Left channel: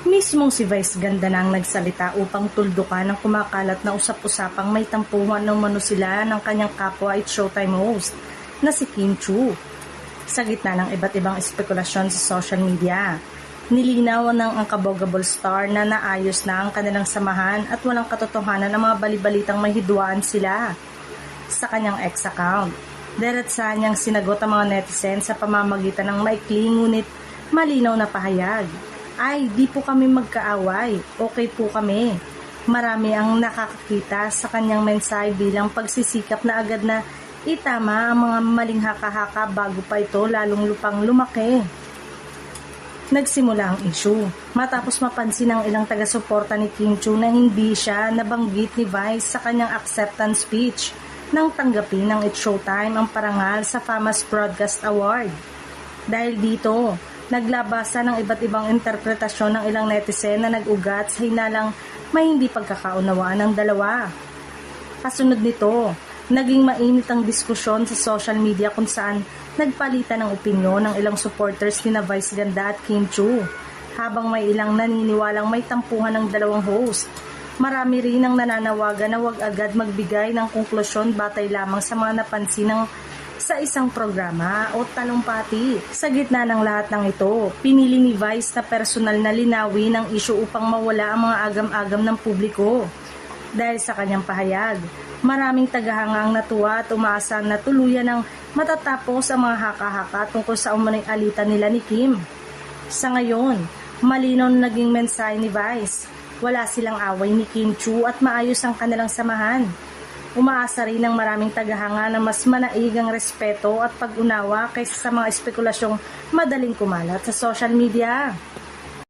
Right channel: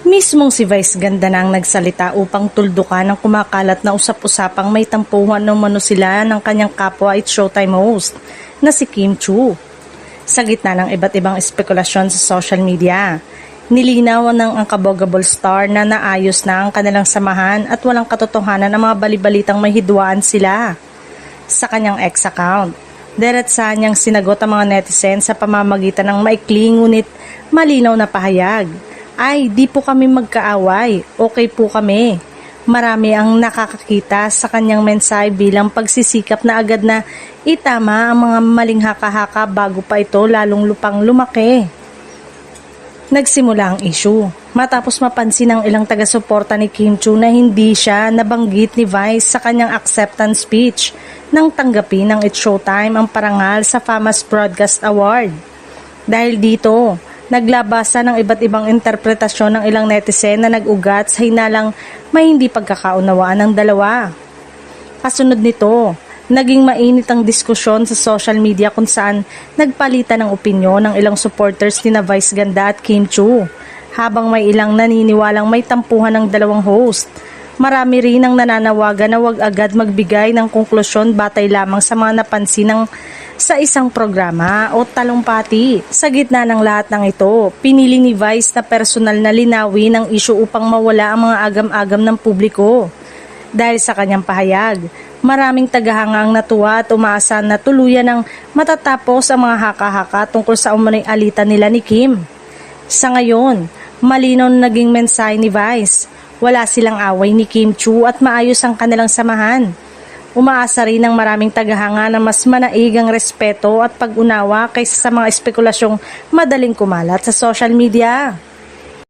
Mismong si Vice Ganda na ang nagsalita upang tuldukan ang kumakalat na usap-usapang may tampuhan ng mano sila ng kanyang kapwa at Showtime host na si Kim Chiu. Sa gitna ng iba't ibang espekulasyon sa social media, nilinaw ng Unbogable star na naayos na ang kanilang samahan at walang katotohanan ng mga balibalitang may hidwaan sila. Sa kanyang ex account, diretsahan niyang sinagot ang mga netizen sa pamamagitan ng maikli ngunit malinaw na pahayag. Ay, di po kami magkaaway. Okay po kami. Marami ang nakakakita sa kanyang mensahe bilang pagsisikap na agad na itama ang mga maling haka-haka bago pa ito lalong lupang lumaki. Nagsimula ang issue matapos mapansin ng ilang taga-suporta ni Kim Chiu na hindi siya nabanggit ni Vice sa kanyang acceptance speech nang tanggapin ng It's Showtime ang parangal sa Famous Broadcast Award. Dahil dito, naglabasan ng iba't ibang interpretasyon ng ilang netizen na nag-ugat sa hinalang may hindi pagkakaunawaan ng dalawa. Kasunod nito, naging mainit ang diskusyon sa social media kung saan nagpalitan ng opinyon ng ilang supporters ni na Vice Ganda at Kim Chiu, habang may ilang naniniwalang may tampuhan ng dalawang host. Marami rin ang nananawagan na huwag agad magbigay ng konklusyon batay lamang sa mga napansin sa isang programa o talumpati. Sa gitna ng lahat ng ito, pinili ni Vice na personal na linawin ang issue upang mawala ang mga agam-agam ng publiko. Dahil sa kanyang pahayag, maraming tagahanga ang natuwa at umaasa na tuluyan ng matatapos ang mga haka-haka tungkol sa umano'y alitan nila ni Kim. Sa ngayon, malinaw na naging mensahe ni Vice. Wala silang away ni Kim Chiu at maayos ang kanilang samahan. Umaasa rin ng maraming tagahanga na mas manaig ang respeto at pag-unawa kaysa sa mga espekulasyong madaling kumalat sa social media.